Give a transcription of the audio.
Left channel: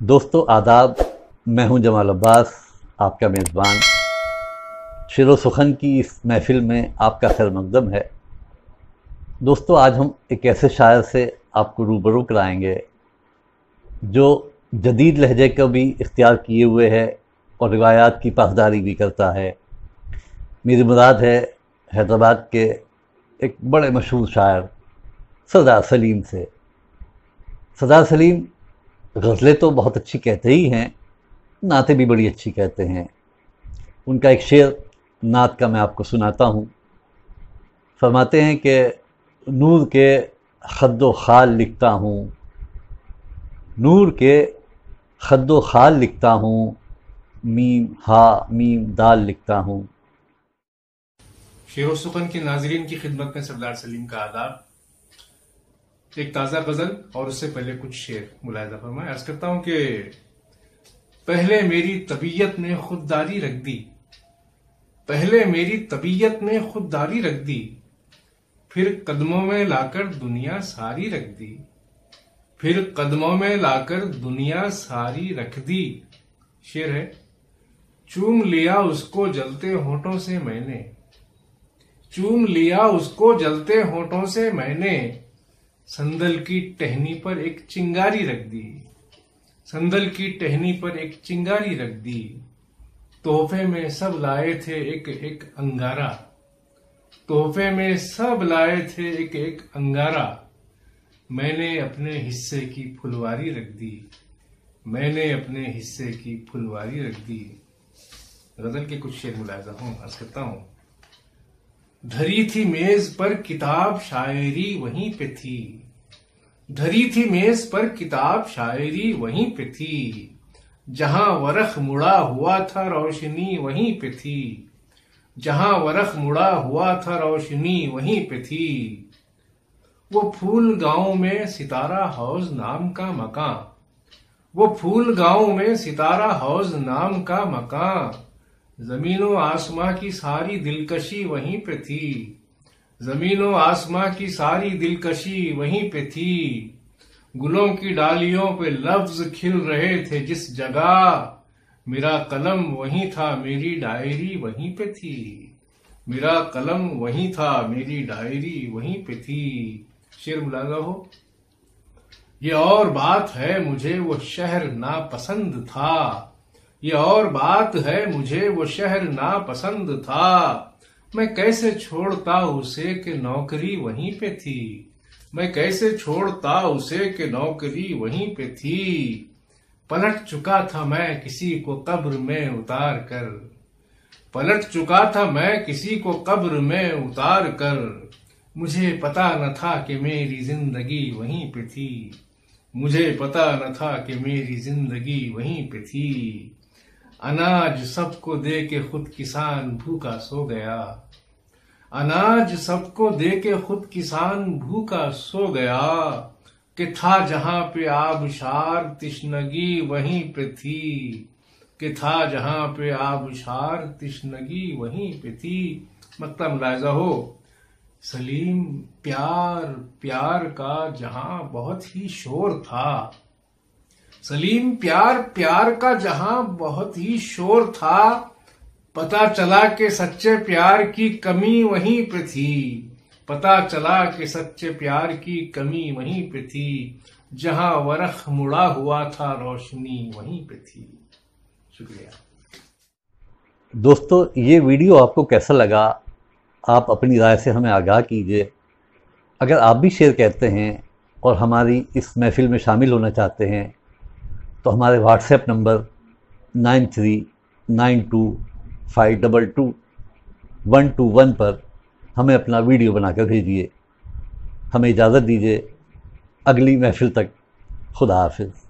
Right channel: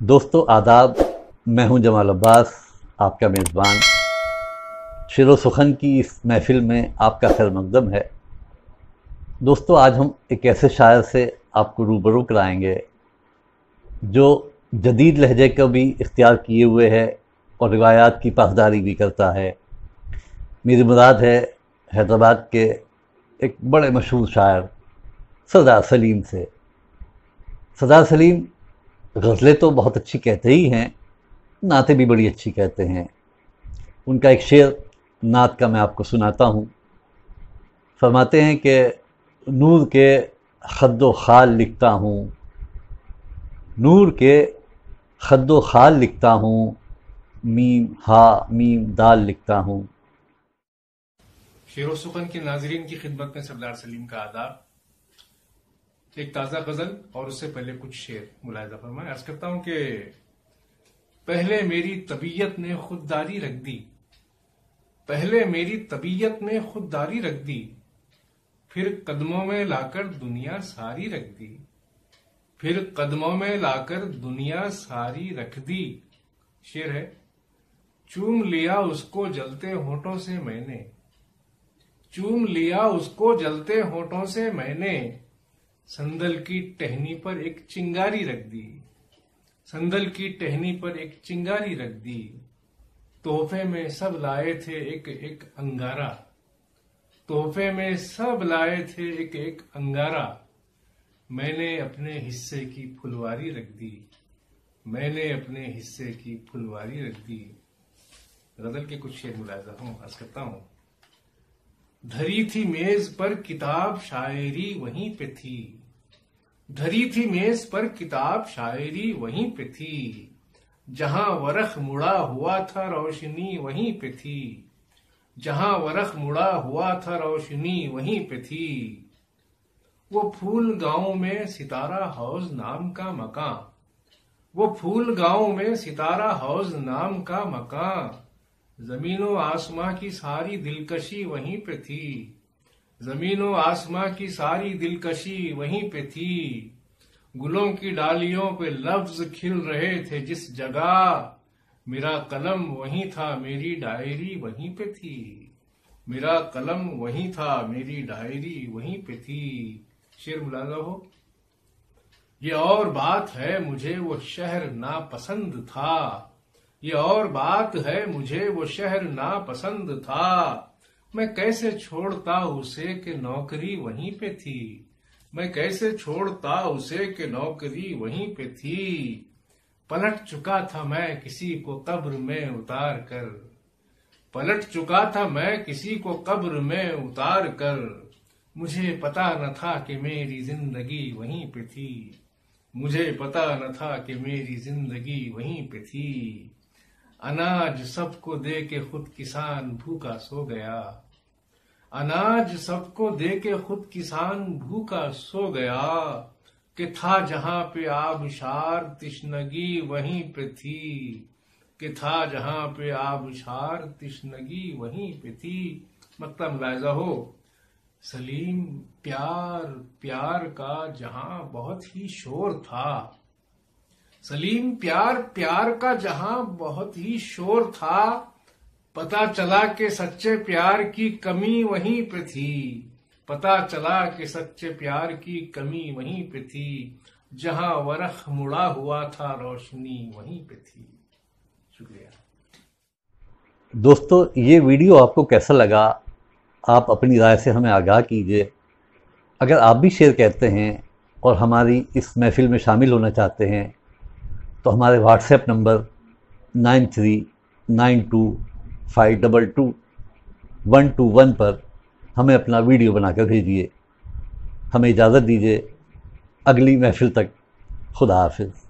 دوستو آداب، میں ہوں جمال عباس، آپ کا میزبان۔ شعر و سخن کی اس محفل میں آپ کا خیر مقدم ہے۔ دوستو آج ہم ایک ایسے شاعر سے آپ کو روبرو کرائیں گے جو جدید لہجے کو بھی اختیار کیے ہوئے ہے اور روایات کی پاسداری بھی کرتا ہے۔ میری مراد ہے حیدرآباد کے ایک بڑے مشہور شاعر سردار سلیم سے۔ سردار سلیم غزلیں تو بہت اچھی کہتے ہی ہیں، نعتیں بھی بڑی اچھی کہتے ہیں۔ ان کا ایک شعر نعت کا میں آپ کو سناتا ہوں۔ فرماتے ہیں کہ نور کے خد و خال لکھتا ہوں، نور کے خد و خال لکھتا ہوں، میم ہا میم دال لکھتا ہوں۔ شعر و سخن کے ناظرین کی خدمت میں سردار سلیم کا آداب۔ ایک تازہ غزل اور اس سے پہلے کچھ شعر ملاحظہ فرمائیں۔ عرض کرتا ہوں کہ پہلے میری طبیعت نے خودداری رکھ دی، پہلے میری طبیعت نے خودداری رکھ دی، پھر قدموں میں لا کر دنیا ساری رکھ دی، پھر قدموں میں لا کر دنیا ساری رکھ دی۔ شعر ہے، چوم لیا اس کو جلتے ہونٹوں سے میں نے، چوم لیا اس کو جلتے ہونٹوں سے میں نے، سندل کی ٹہنی پر ایک چنگاری رکھ دی، سندل کی ٹہنی پر ایک چنگاری رکھ دی، تحفے میں سب لائے تھے ایک ایک انگارہ، تحفے میں سب لائے تھے ایک ایک انگارہ، میں نے اپنے حصے کی پھلواری رکھ دی، میں نے اپنے حصے کی پھلواری رکھ دی۔ غزل کے کچھ شعر ملاحظہ عرض کرتا ہوں۔ دھری تھی میز پر کتاب شاعری وہیں پہ تھی، دھری تھی میز پر کتاب شاعری وہیں پہ تھی، جہاں ورق مڑا ہوا تھا روشنی وہیں پہ تھی، جہاں ورق مڑا ہوا تھا روشنی وہیں پہ تھی، وہ پھول گاؤں میں ستارہ ہاؤس نام کا مکان، وہ پھول گاؤں میں ستارہ ہاؤس نام کا مکان، زمین و آسماں کی ساری دلکشی وہیں پہ تھی، زمین و آسماں کی ساری دلکشی وہیں پہ تھی، گلوں کی ڈالیوں پہ لفظ کھل رہے تھے جس جگہ، میرا قلم وہیں تھا میری ڈائری وہیں پہ تھی، میرا قلم وہیں تھا میری ڈائری وہیں پہ تھی۔ شعر ملاحظہ ہو۔ یہ اور بات ہے مجھے وہ شہر ناپسند تھا، یہ اور بات ہے مجھے وہ شہر ناپسند تھا، میں کیسے چھوڑتا اسے کہ نوکری وہیں پہ تھی، میں کیسے چھوڑتا اسے کہ نوکری وہیں پہ تھی، پلٹ چکا تھا میں کسی کو قبر میں اتار کر، پلٹ چکا تھا میں کسی کو قبر میں اتار کر، مجھے پتا نہ تھا کہ میری زندگی وہیں پہ تھی، مجھے پتا نہ تھا کہ میری زندگی وہیں پہ تھی، اناج سب کو دے کے خود کسان بھوکا سو گیا، اناج سب کو دے کے خود کسان بھوکا سو گیا، کہ تھا جہاں پہ آبشار تشنگی وہیں پہ تھی، کہ تھا جہاں پہ آبشار تشنگی وہیں پہ تھی۔ مطلب ملاحظہ ہو، سلیم پیار پیار کا جہاں بہت ہی شور تھا، سلیم پیار پیار کا جہاں بہت ہی شور تھا، پتا چلا کہ سچے پیار کی کمی وہیں پہ تھی، پتا چلا کہ سچے پیار کی کمی وہیں پہ تھی، جہاں ورق مڑا ہوا تھا روشنی وہیں پہ تھی۔ شکریہ دوستو، یہ ویڈیو آپ کو کیسا لگا؟ آپ اپنی رائے سے ہمیں آگاہ کیجیے۔ اگر آپ بھی شعر کہتے ہیں اور ہماری اس محفل میں شامل ہونا چاہتے ہیں تو ہمارے واٹس ایپ نمبر 9392522121 پر ہمیں اپنا ویڈیو بنا کر بھیجیے۔ ہمیں اجازت دیجیے، اگلی محفل تک خدا حافظ۔